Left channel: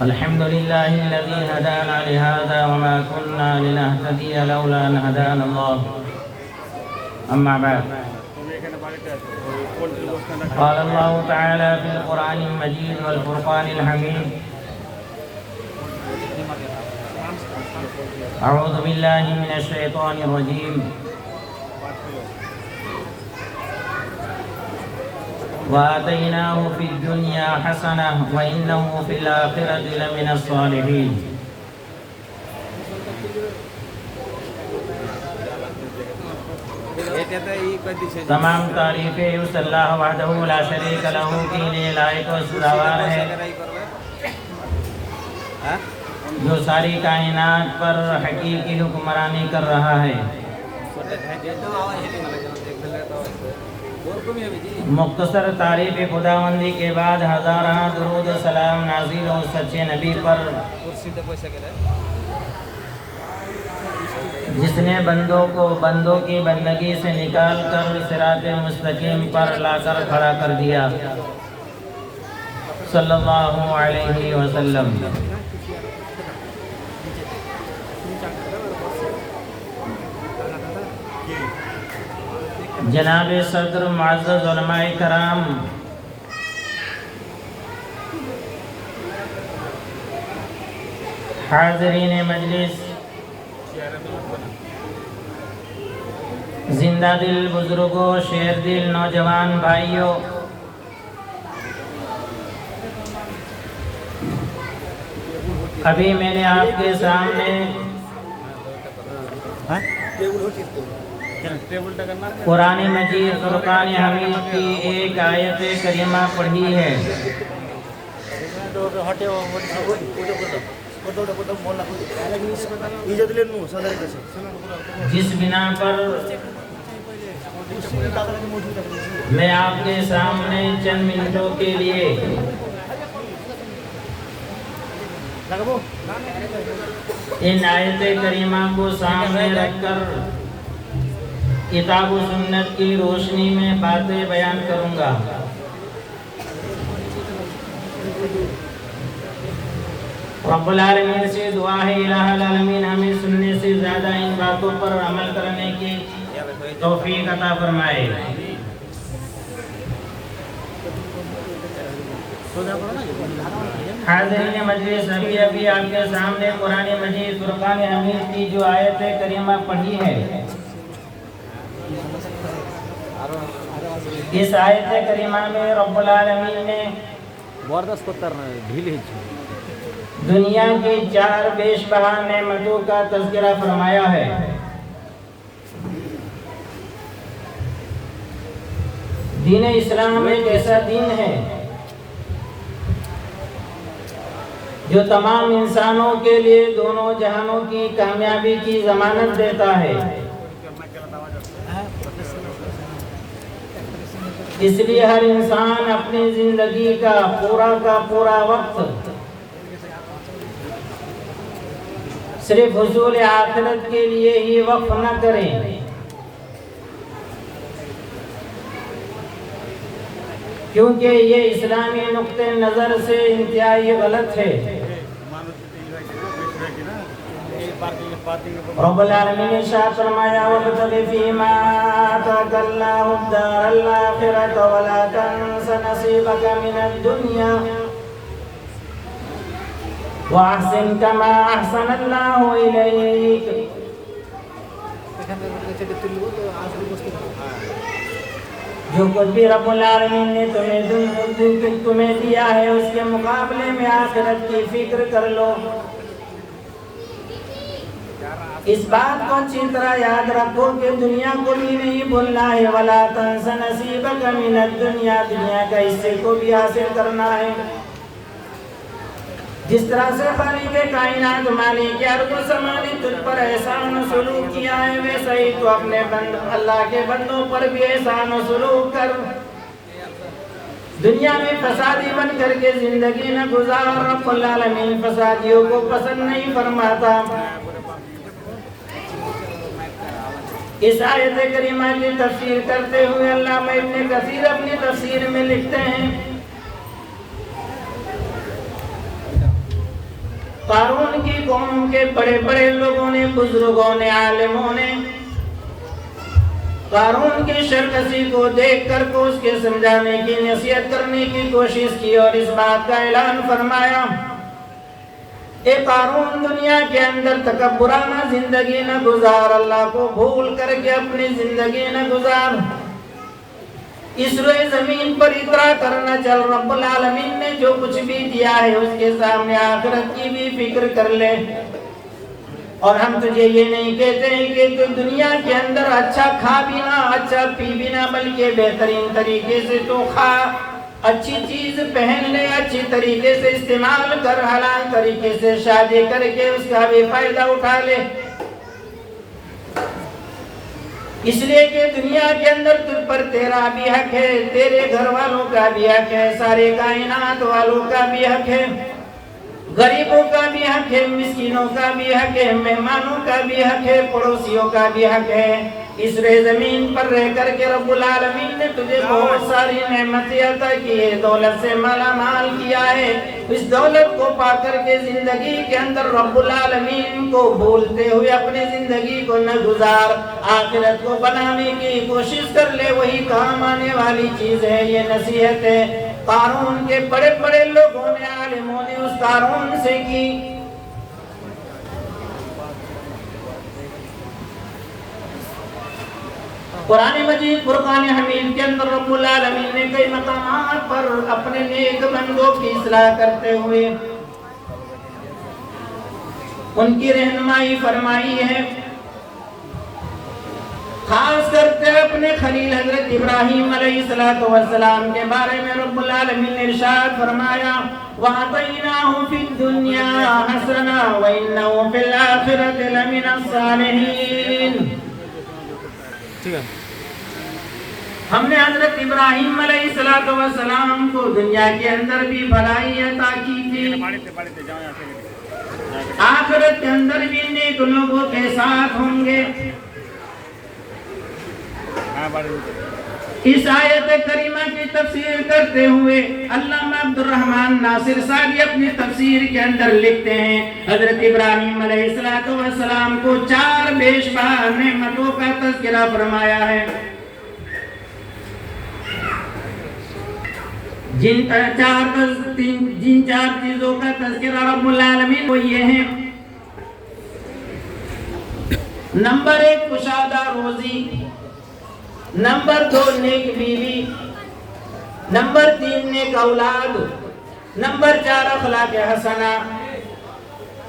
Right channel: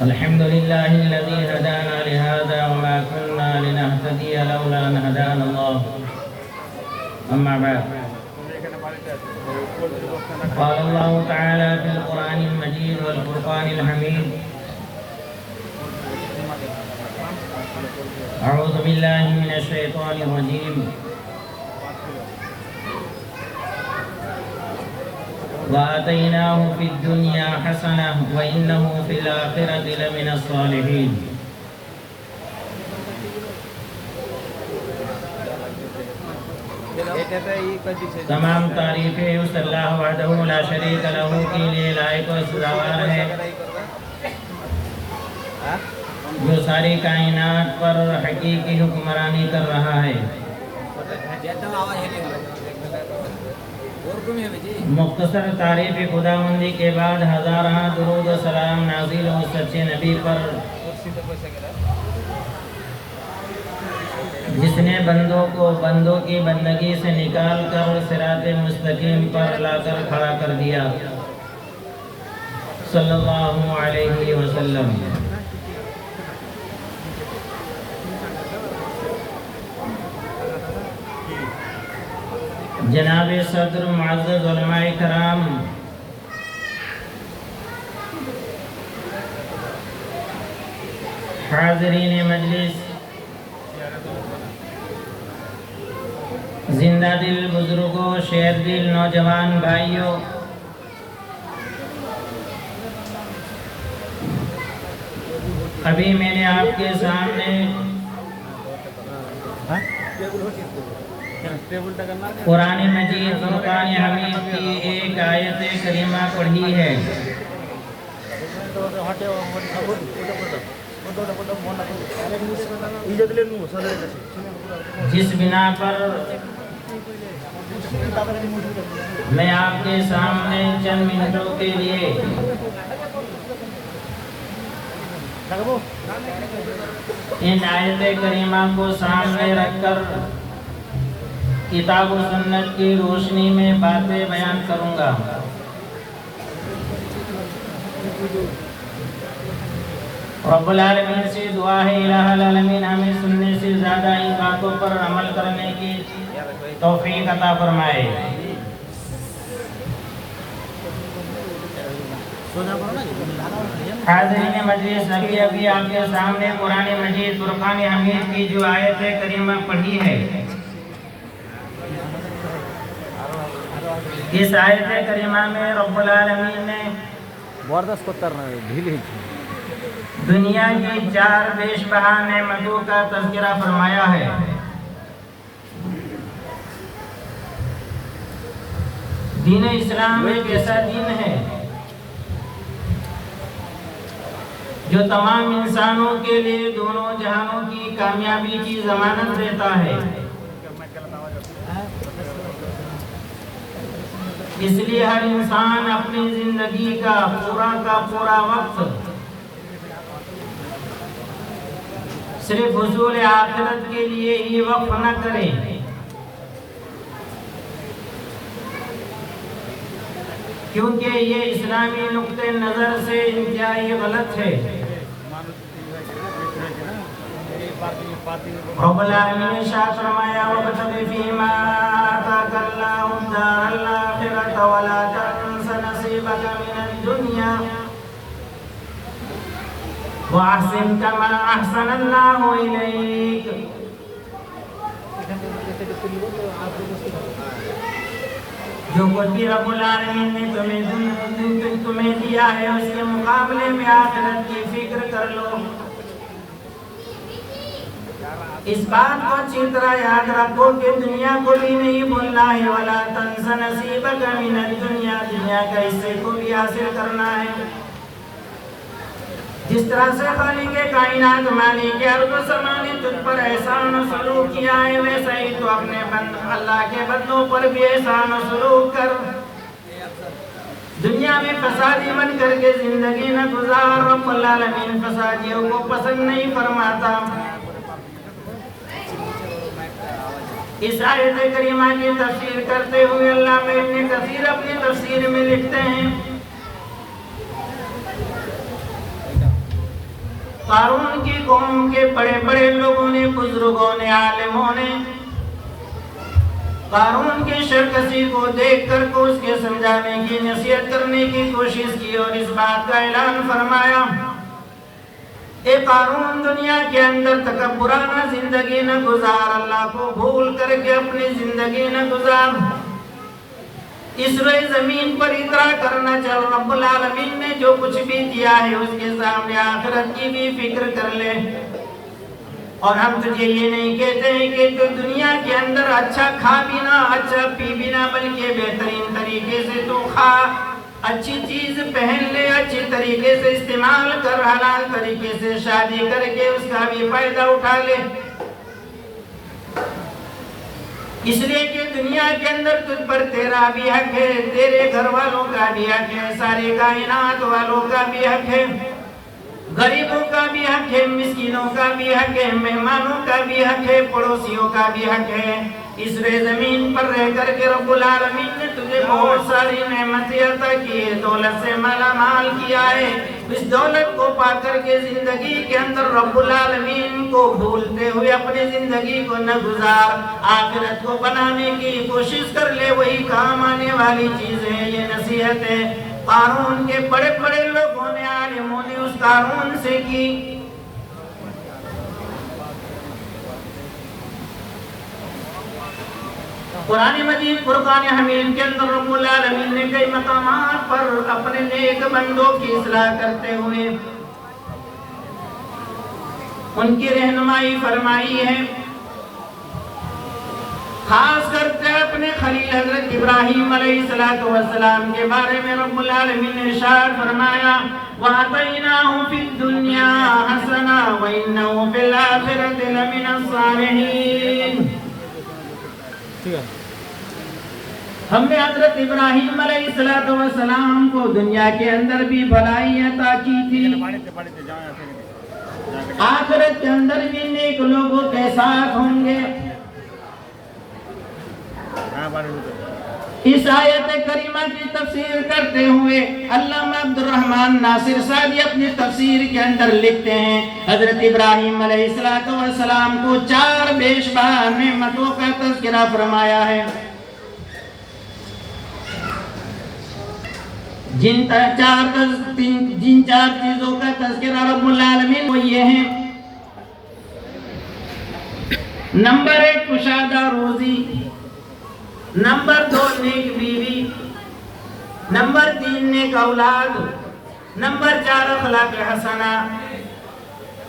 الحمد لله الذي هدانا لهذا وما كنا لنهتدي لولا أن هدانا الله. أما بعد، قال الله تعالى في القرآن المجيد والفرقان الحميد: أعوذ بالله من الشيطان الرجيم. وآتيناه في الدنيا حسنة وإنه في الآخرة لمن الصالحين. تمام تعریفیں اس اللہ وحدہ لا شریک لہ کے لیے لائق و سزاوار ہے جو ساری کائنات پر حقیقی حکمرانی کر رہا ہے۔ مختصر تعریف خداوندی کے بعد ہزارہ درود و سلام نازل ہو سچے نبی پر، جس نے بندوں کو بندوں کی بندگی سے نکال کر صراط مستقیم پر لا کر کھڑا کر دیا، صلی اللہ علیہ وسلم۔ جناب صدر، معزز علماء کرام، حاضرین مجلس، زندہ دل بزرگوں، شیر دل نوجوان بھائیوں، ابھی میں نے آپ کے سامنے قرآن مجید فرقان حمید کی ایک آیت کریمہ پڑھی ہے، جس بنا پر میں آپ کے سامنے چند منٹوں کے لیے ان آیت کریمہ کو سامنے رکھ کر کتاب و سنت کی روشنی میں باتیں بیان کروں گا۔ رب العالمین سے دعا ہے الہ العالمین ہمیں سننے سے زیادہ ان باتوں پر عمل کرنے کی توفیق عطا فرمائے۔ حاضرین مجلس، ابھی آپ کے سامنے قرآن مجید فرقان حمید کی جو آیت کریمہ پڑھی ہے، اس آیت کریمہ میں رب العالمین نے دنیا کی 4 بیش بہا نعمتوں کا تذکرہ فرمایا ہے۔ دین اسلام ایک ایسا دین ہے جو تمام انسانوں کے لیے دونوں جہانوں کی کامیابی کی ضمانت دیتا ہے۔ اس لیے ہر انسان اپنی زندگی کا پورا وقت صرف حصول آخرت کے لیے ہی وقف نہ کرے، کیونکہ یہ اسلامی نقطہ نظر سے انتہائی غلط ہے۔ رب العالمین نے ارشاد فرمایا وَابْتَغِ فِيمَا آتَاكَ اللَّهُ الدَّارَ الْآخِرَةَ وَلَا تَنْسَ نَصِيبَكَ مِنَ الدُّنْيَا وَأَحْسِنْ كَمَا أَحْسَنَ اللَّهُ إِلَيْكَ۔ جو کچھ بھی رب العالمین نے تمہیں دیا ہے اس کے مقابلے میں آخرت کی فکر کر لو۔ اس بات کو اچھی طرح یاد رکھو کہ دنیا کو بھی نہیں بھولنا ہے، وَلَا تَنْسَ نَصِيبَكَ مِنَ الدُّنْيَا، دنیا کا حصے کو بھی حاصل کرنا ہے۔ جس طرح سے خالق کائنات مالک ارض و سماء نے تجھ پر احسان و سلوک کیا ہے، ویسا ہی تو اپنے اللہ کے بندوں پر بھی احسان و سلوک کر۔ دنیا میں فسادی بن کر کے زندگی نہ گزار، رب العالمین فسادیوں کو پسند نہیں فرماتا۔ اس آیت کریمہ کی تفسیر کرتے ہوئے علامہ ابن کثیر اپنی تفسیر میں لکھتے ہیں قارون کی قوم کے بڑے بڑے لوگوں نے، بزرگوں نے، عالموں نے قارون کی شرکسی کو دیکھ کر کو اس کے سمجھانے کی، نصیحت کرنے کی کوشش کی اور اس بات کا اعلان فرمایا، اے قارون دنیا کے اندر تکبرانہ زندگی نہ گزار، اللہ کو بھول کر کے اپنی زندگی نہ گزار، اس روئے زمین پر اترا کرنا چل، رب العالمین نے جو کچھ بھی دیا ہے اس کے سامنے آخرت کی بھی فکر کر لے۔ اور ہم تجھے یہ نہیں کہتے ہیں کہ تو دنیا کے اندر اچھا کھا بھی نہ، اچھا پی بھی نہ، بلکہ بہترین طریقے سے تو کھا، اچھی چیز پہن لے، اچھی طریقے سے استعمال کر، حلال طریقے سے شادی کر کے اس کا بھی فائدہ اٹھا لے، اس لیے کہ دنیا کے اندر تجھ پر تیرا بھی حق ہے، تیرے گھر والوں کا بھی حق ہے، سارے کائنات والوں کا بھی حق ہے، غریبوں کا بھی حق ہے، مسکینوں کا بھی حق ہے، مہمانوں کا بھی حق ہے، پڑوسیوں کا بھی حق ہے۔ اس زمین پر رہ کر کے رب العالمین نے تجھے بہت ساری نعمتیں عطا کی ہے، دولت سے مالا مال کیا ہے، اس دولت کو پا کر کے زندگی کے اندر رب العالمین کو بھولتے ہوئے اپنی زندگی کو نہ گزار، آخرت کو بنانے کی کوشش کر لے، وہی کام آنے والی چیز ہے۔ یہ نصیحت ہے قارون کے بڑے بڑے لوگوں نے، عالموں نے اس قارون سے کی۔ قرآن مجید فرقان حمید کے اندر رب العالمین نے کئی مقامات پر اپنے نیک بندوں کی اصلاح کرتے ہوئے ان کی رہنمائی فرمائی ہے، خاص کرتے اپنے خلیل حضرت ابراہیم علیہ السلام کے بارے میں رب العالمین نے ارشاد فرمایا، وَآتَيْنَاهُ فِي الدُّنْيَا حَسَنَةً وَإِنَّهُ فِي الْآخِرَةِ لَمِنَ الصَّالِحِينَ۔ ہم نے حضرت ابراہیم علیہ السلام کو دنیا کے اندر بھی بھلائی عطا کی تھی، آخرت کے اندر بھی نیک لوگوں کے ساتھ ہوں گے۔ اس آیت کریمہ کی تفسیر کرتے ہوئے علامہ عبد الرحمن ناصر سعدی اپنی تفسیر کے اندر لکھتے ہیں، حضرت ابراہیم علیہ السلام کو 4 بیش بہا نعمتوں کا تذکرہ فرمایا ہے، جن 4 چیزوں کا تذکرہ رب العالمین وہ یہ ہیں، نمبر 1 کشادہ روزی، نمبر 2 نیک بیوی، نمبر 3 نیک اولاد، نمبر 4 اخلاق حسنہ۔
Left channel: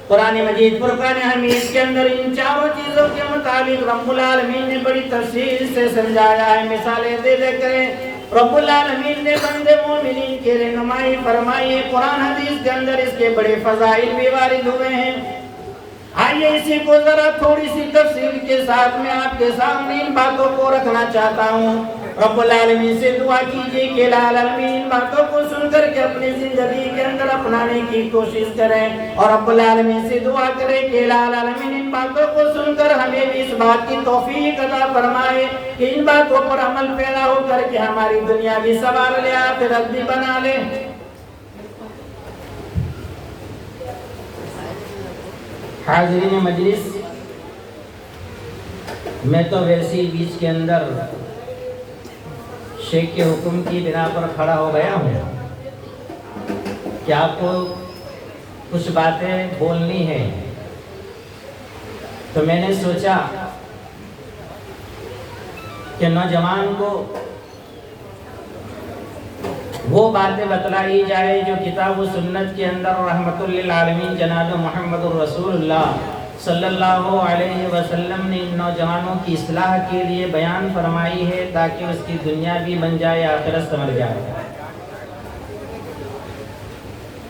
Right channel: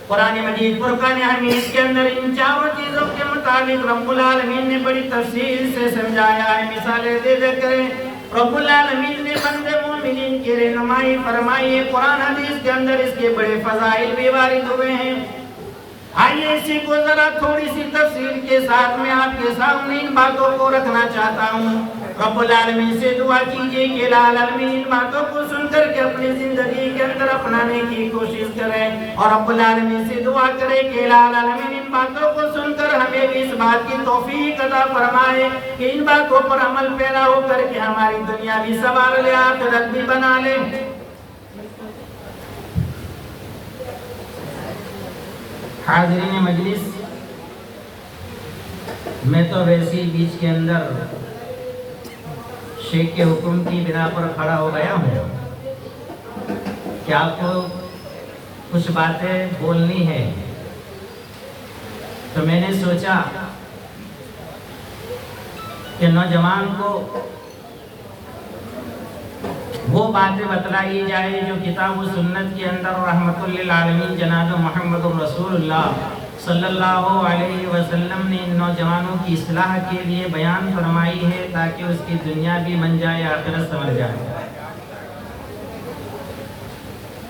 قرآن مجید فرقان حمید کے اندر ان 4 چیزوں کے متعلق رب العالمین نے بڑی تفصیل سے سمجھایا ہے، مثالیں دے دے کریں رب العالمین نے بندے مومنین کی رہنمائی فرمائی ہے، قرآن حدیث کے اندر اس کے بڑے فضائل بھی وارد ہوئے ہیں۔ آئیے اسی کو ذرا تھوڑی سی تفصیل کے ساتھ میں آپ کے سامنے ان باتوں کو رکھنا چاہتا ہوں۔ رب العالمین سے دعا کیجئے کہ العالمین ان باتوں کو سن کر کے اپنی زندگی کے اندر اپنانے کی کوشش کریں، اور رب العالمین سے دعا کرے کہ العالمین ان باتوں کو سن کر ہمیں بھی اس بات کی توفیق عطا فرمائے کہ ان باتوں پر عمل پیرا ہو کر کے ہماری دنیا بھی سنوار لے، آخرت بھی بنا لے۔ حاضرین مجلس، میں تو ویسی بیچ کے اندر شیخ کے حکم کی بنا پر کھڑا ہو گیا ہوں کہ آپ کو کچھ باتیں بولنی ہے، تو میں نے سوچا کہ نوجوان کو وہ باتیں بتلائی جائے جو کتاب و سنت کے اندر رحمت للعالمین جناب محمد الرسول اللہ صلی اللہ علیہ وسلم نے نوجوانوں کی اصلاح کے لیے بیان فرمائی ہے، تاکہ اس کی دنیا بھی بن جائے، آخرت سنور جائے۔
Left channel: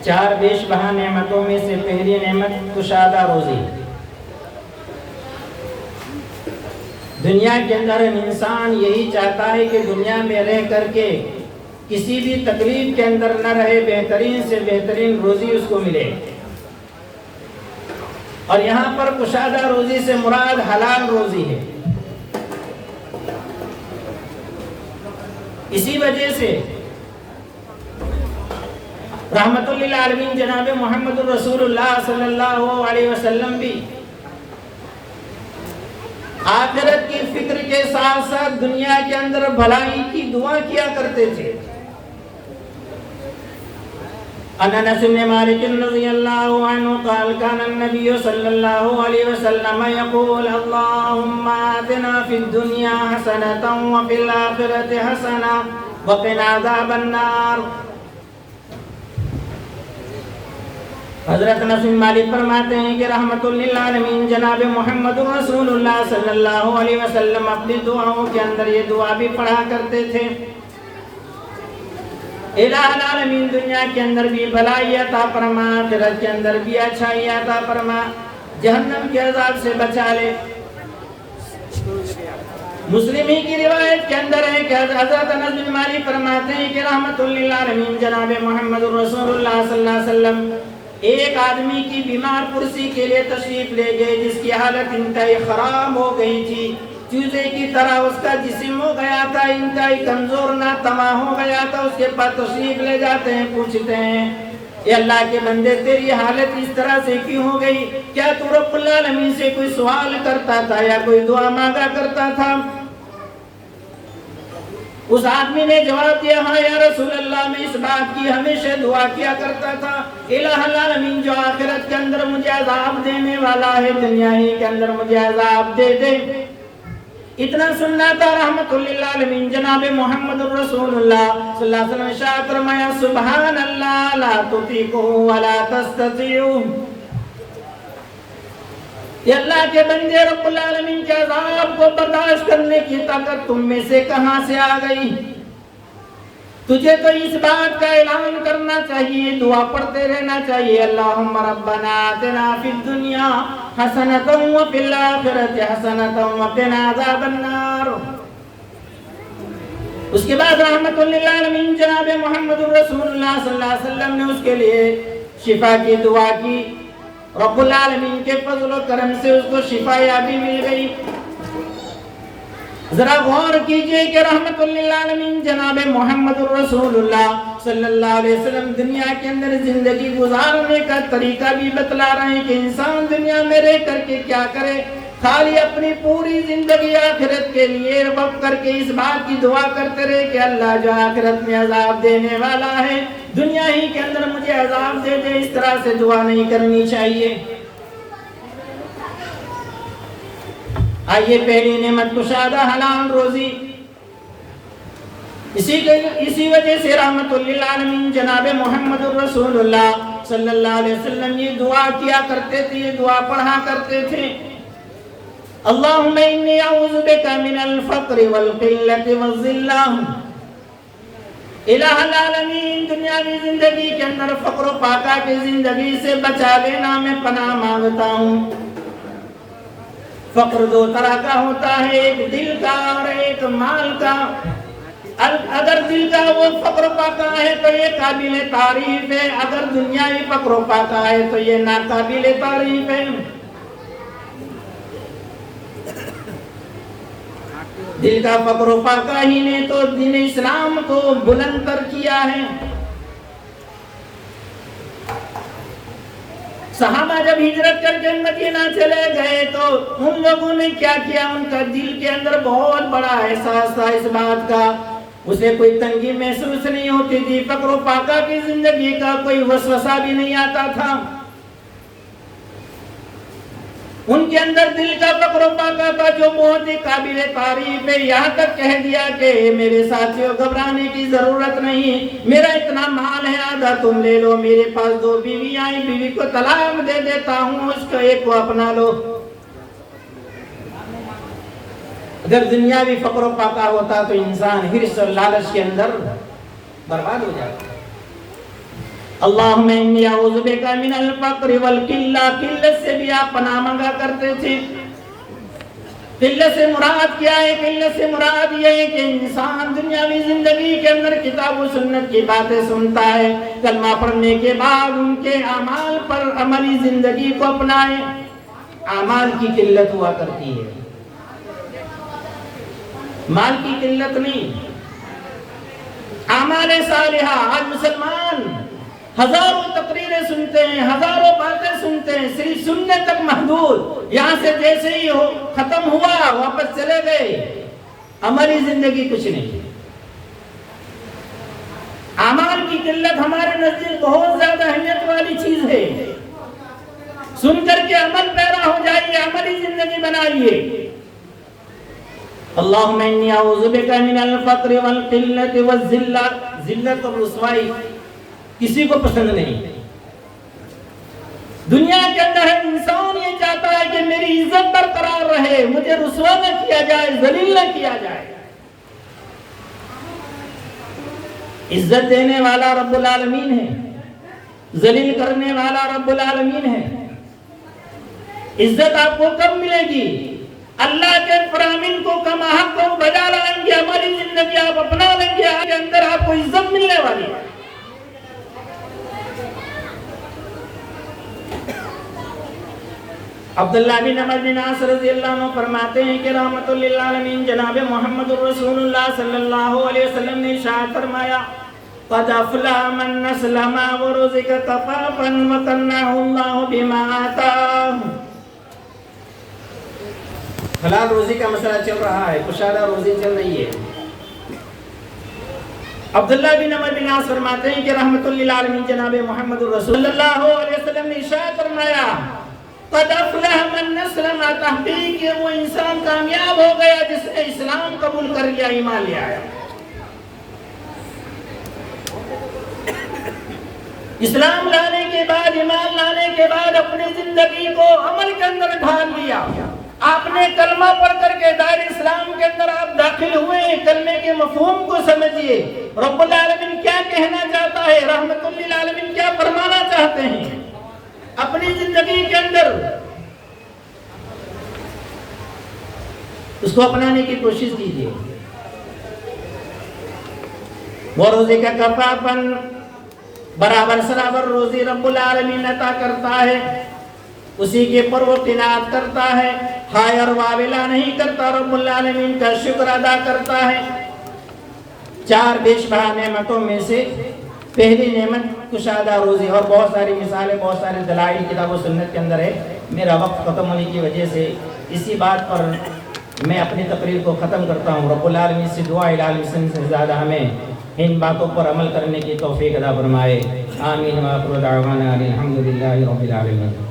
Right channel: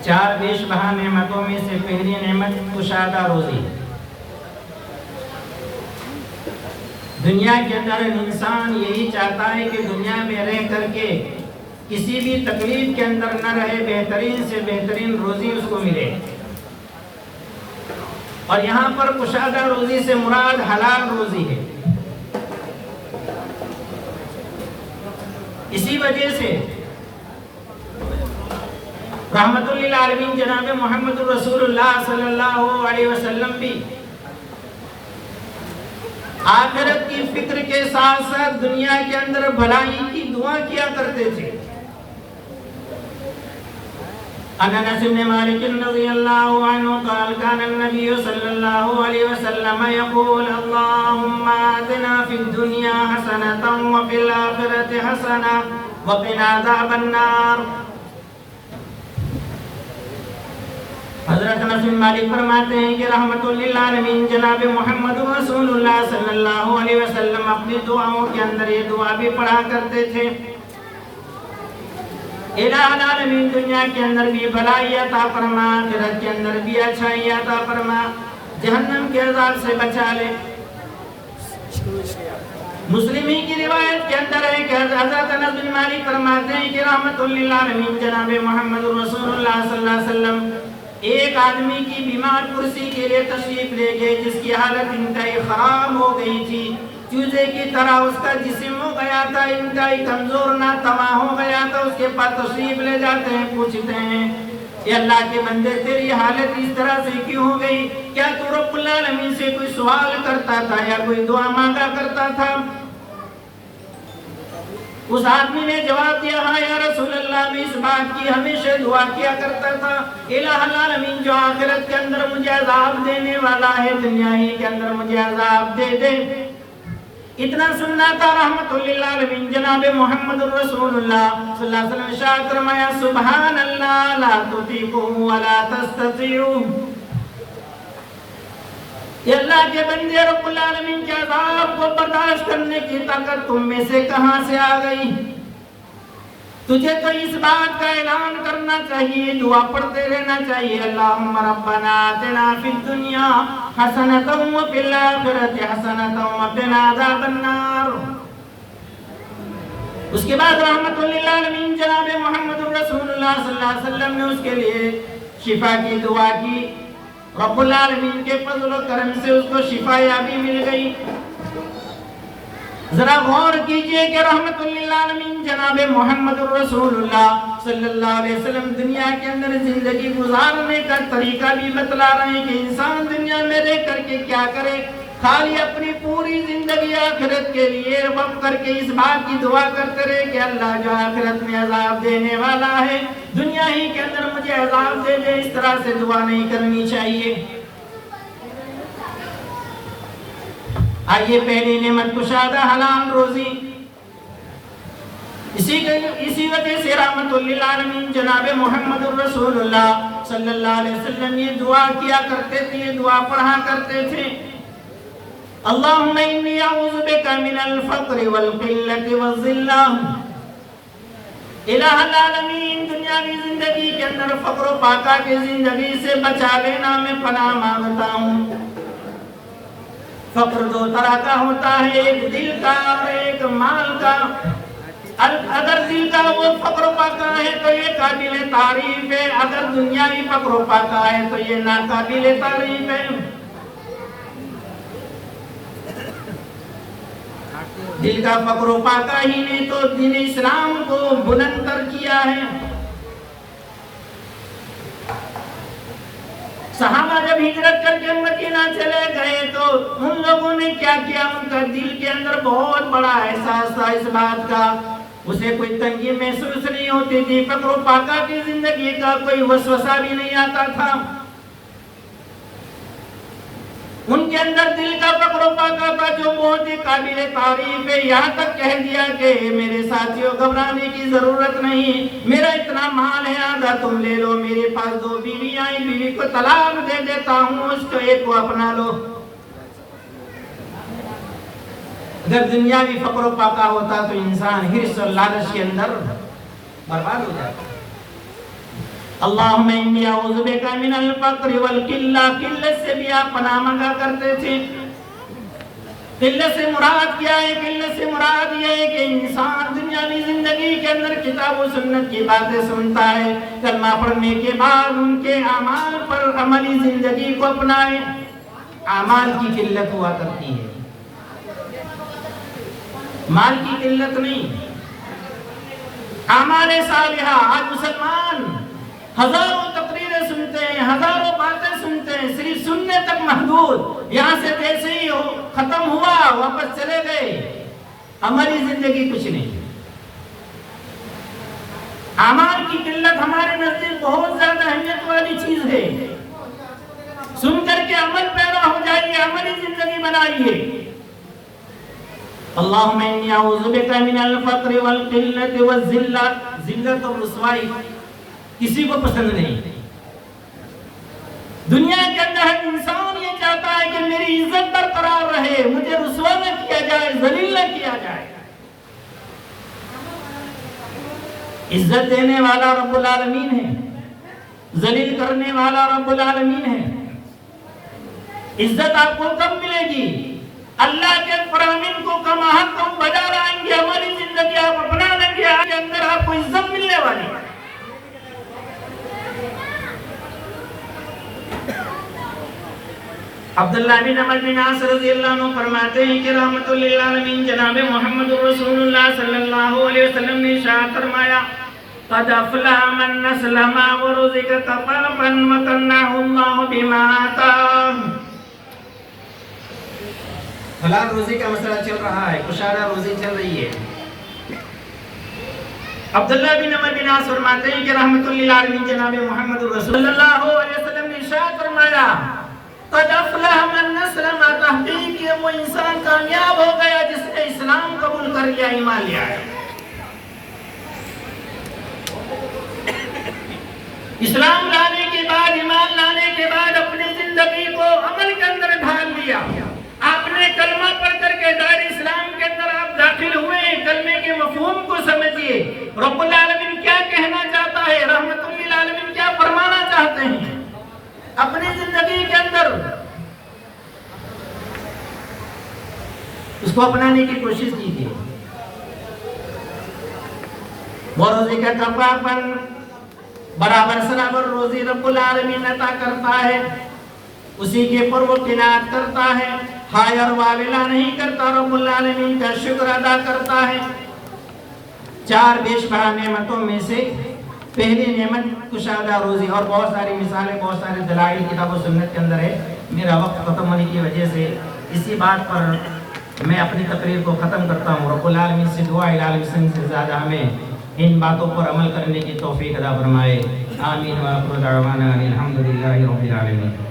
4 بیش بہا نعمتوں میں سے پہلی نعمت کشادہ روزی۔ دنیا کے اندر انسان یہی چاہتا ہے کہ دنیا میں رہ کر کے کسی بھی تکلیف کے اندر نہ رہے، بہترین سے بہترین روزی اس کو ملے، اور یہاں پر کشادہ روزی سے مراد حلال روزی ہے۔ اسی وجہ سے رحمت للعالمین جناب محمد رسول اللہ صلی اللہ علیہ وسلم بھی آخرت کی فکر کے ساتھ ساتھ دنیا کے اندر بھلائی کی دعا کیا کرتے تھے۔ انس بن مالک رضی اللہ عنہ قال كان النبي صلی اللہ علیہ وسلم يقول اللهم آتنا في الدنيا حسنة وفي الآخرة حسنة وقنا عذاب النار۔ حضرت انس بن مالک فرماتے ہیں کہ رحمت للعالمین جناب محمد رسول اللہ صلی اللہ علیہ وسلم اپنی دعاؤں کے اندر یہ دعا بھی پڑھا کرتے تھے، الہ العالمین دنیا کے اندر بھی بھلائی عطا فرما، آخرت کے اندر بھی اچھائی عطا فرما، جہنم کے عذاب سے بچا لے۔ مسلم ہی کی روایت کے اندر ہے کہ حضرت انس بن مالک فرماتے ہیں کہ رحمت للعالمین جناب محمد رسول اللہ صلی اللہ علیہ وسلم ایک آدمی کی بیمار پرسی کے لیے تشریف لے گئے جس کی حالت انتہائی خراب ہو گئی تھی، چوزے کی طرح اس کا جسم ہو گیا تھا، انتہائی کمزور ناتواں ہو گیا تھا۔ اس کے پاس تشریف لے جاتے ہیں، پوچھتے ہیں کہ اللہ کے بندے تیری حالت اس طرح سے کیوں ہو گئی؟ کیا تو رب العالمین سے کوئی سوال کرتا تھا یا کوئی دعا مانگا کرتا تھا؟ اس آدمی نے جواب دیا ہاں یا رسول اللہ، میں اس بات کی ہمیشہ دعا کیا کرتا تھا الہ العالمین جو آخرت کے اندر مجھے عذاب دینے والا ہے دنیا ہی کے اندر مجھے عذاب دے دے۔ اتنا سننا تھا رحمت للعالمین جناب محمد رسول اللہ صلی اللہ علیہ وسلم ارشاد فرمایا سبحان اللہ لا تطیقوا ولا تستطیعوا۔ یہ اللہ کے بندے رب العالمین کے عذاب کو برداشت کرنے کی طاقت تم میں سے کہاں سے آ گئی؟ تجھے تو اس بات کا اعلان کرنا چاہیے، دعا پڑھتے رہنا چاہیے اللہم ربنا آتنا فی الدنیا حسنۃ وفی الآخرۃ حسنۃ وقنا عذاب النار۔ اس کے بعد رحمت للعالمین جناب محمد رسول اللہ صلی اللہ علیہ وسلم نے اس کے لیے شفا کی دعا کی، رب العالمین کے فضل و کرم سے اس کو شفا یابی مل گئی۔ ذرا غور کیجئے کہ رحمت للعالمین جناب محمد رسول اللہ صلی اللہ علیہ وسلم دنیا کے اندر زندگی گزارنے کا طریقہ بھی بتلا رہے ہیں کہ انسان دنیا میں رہ کر کے کیا کرے، خالی اپنی پوری زندگی آخرت کے لیے وقف کر کے اس بات کی دعا کرتے رہے کہ اللہ جو آخرت میں عذاب دینے والا ہے دنیا ہی کے اندر مجھے عذاب دے دے، اس طرح سے دعا نہیں کرنی چاہیے۔ آئیے پہلی نعمت کشادہ حلال روزی، اسی وجہ سے رحمت للعالمین جناب محمد رسول اللہ صلی اللہ علیہ وسلم یہ دعا کیا کرتے تھے، یہ دعا پڑھا کرتے تھے اللہم انی اعوذ بک من الفقر والقلت والذلہ۔ الہ العالمین دنیاوی زندگی کے اندر فقر و فاقہ کی زندگی سے بچا لینا میں پناہ مانگتا ہوں۔ فقر دو طرح کا ہوتا ہے، ایک دل کا اور ایک مال کا۔ اگر دل کا وہ فقر و فاقہ ہے تو یہ قابل تعریف ہے، اگر دنیاوی فقر و فاقہ ہے تو یہ ناقابل تعریف ہے۔ دل کا فقر و فاقہ ہی نے تو دین اسلام کو بلند تر کیا ہے۔ صحابہ جب ہجرت کر کے مدینہ چلے گئے تو ان لوگوں نے کیا کیا، ان کا دل کے اندر بہت بڑا احساس تھا اس بات کا، اسے کوئی تنگی محسوس نہیں ہوتی تھی، فقر و فاقہ کی زندگی کا کوئی وسوسہ بھی نہیں آتا تھا۔ ان کے اندر دل کا فقر و فاقہ تھا جو بہت ہی قابل تعریف ہے، یہاں تک کہہ دیا کہ میرے ساتھیوں گھبرانے کی ضرورت نہیں، میرا اتنا مال ہے آدھا تم لے لو، میرے پاس 2 بیوی آئیں، بیوی کو طلاق دے دیتا ہوں، اس کو ایک کو اپنا لو۔ اگر دنیاوی فقر و فاقہ ہوتا تو انسان حرص اور لالچ کے اندر برباد ہو جاتا۔ اللہم انی اعوذ بک من الفقر والقلہ، قلت سے بھی آپ پناہ مانگا کرتے تھے۔ قلت سے مراد کیا ہے؟ قلت سے مراد یہ ہے کہ انسان دنیاوی زندگی کے اندر کتاب و سنت کی باتیں سنتا ہے، کلمہ پڑھنے کے بعد ان کے اعمال پر عملی زندگی کو اپنائے، اعمال کی قلت ہوا کرتی ہے، مال کی قلت نہیں۔ اعمال صالحہ، آج مسلمان ہزاروں تقریریں سنتے ہیں، ہزاروں باتیں سنتے ہیں، صرف سننے تک محدود، یہاں سے جیسے ہی ختم ہوا واپس چلے گئے، ہماری زندگی کچھ نہیں۔ اعمال کی قلت ہمارے نزدیک بہت زیادہ اہمیت والی چیز ہے۔ سن کر کے عمل پیرا ہو جائیے، عملی زندگی بنائیے۔ اللہم انی اعوذ بک من الفقر والقلت والذلت، ذلت اور رسوائی کسی کو پسند نہیں۔ دنیا کے اندر ہر انسان یہ چاہتا ہے کہ میری عزت برقرار رہے، مجھے رسوا نہ کیا جائے، ذلیل نہ کیا جائے۔ عزت دینے والا رب العالمین ہے، ذلیل کرنے والا رب العالمین ہے۔ عزت آپ کو کب ملے گی؟ اللہ کے فرامین کو کم حق کو بجا لائیں گے، ہماری زندگی آپ اپنا لیں گے، آگے اندر آپ کو عزت ملنے والی ہے۔ عبداللہ بن عمر بن عاص رضی اللہ عنہ فرماتے ہیں کہ رحمت للعالمین جناب محمد رسول اللہ صلی اللہ علیہ وسلم نے ارشاد فرمایا قد افلح من اسلم ورزق کفافا وقنعه اللہ بما آتاه۔ حلال روزی کا مسئلہ چل رہا ہے، کشادہ روزی چل رہی ہے۔ عبداللہ بن عمر بن عاص فرماتے ہیں کہ رحمت للعالمین جناب محمد رسول اللہ علیہ وسلم نے ارشاد فرمایا قد افلح من اسلم، تحقیق کہ وہ انسان کامیاب ہو گیا جس نے اسلام قبول کر لیا، ایمان لے آیا۔ اسلام لانے کے بعد، ایمان لانے کے بعد اپنی زندگی کو عمل کے اندر ڈھال لیا۔ آپ نے کلمہ پڑھ کر کے دائرہ اسلام کے اندر آپ داخل ہوئے ہیں، کلمے کے مفہوم کو سمجھیے، رب العالمین کیا کہنا چاہتا ہے، رحمت للعالمین کیا فرمانا چاہتے ہیں اپنی زندگی کے اندر، اس کو اپنانے کی کوشش کیجیے۔ وَرُزِقَ كَفَافًا، برابر سرابر روزی رب العالمین عطا کرتا ہے، اسی کے پر وہ قناعت کرتا ہے، ہائے اور واویلا نہیں کرتا، رب العالمین کا شکر ادا کرتا ہے۔ چار بیش بہا نعمتوں میں سے پہلی نعمت کشادہ روزی، اور بہت ساری مثالیں، بہت سارے دلائل کتاب و سنت کے اندر ہے۔ میرا وقت ختم ہونے کی وجہ سے اسی بات پر میں اپنی تقریر کو ختم کرتا ہوں۔ رب العالمین سے دعا العالمین سے زیادہ ہمیں ان باتوں پر عمل کرنے کی توفیق عطا فرمائے۔ آمین۔ وآخر دعوانا الحمدللہ رب العالمین۔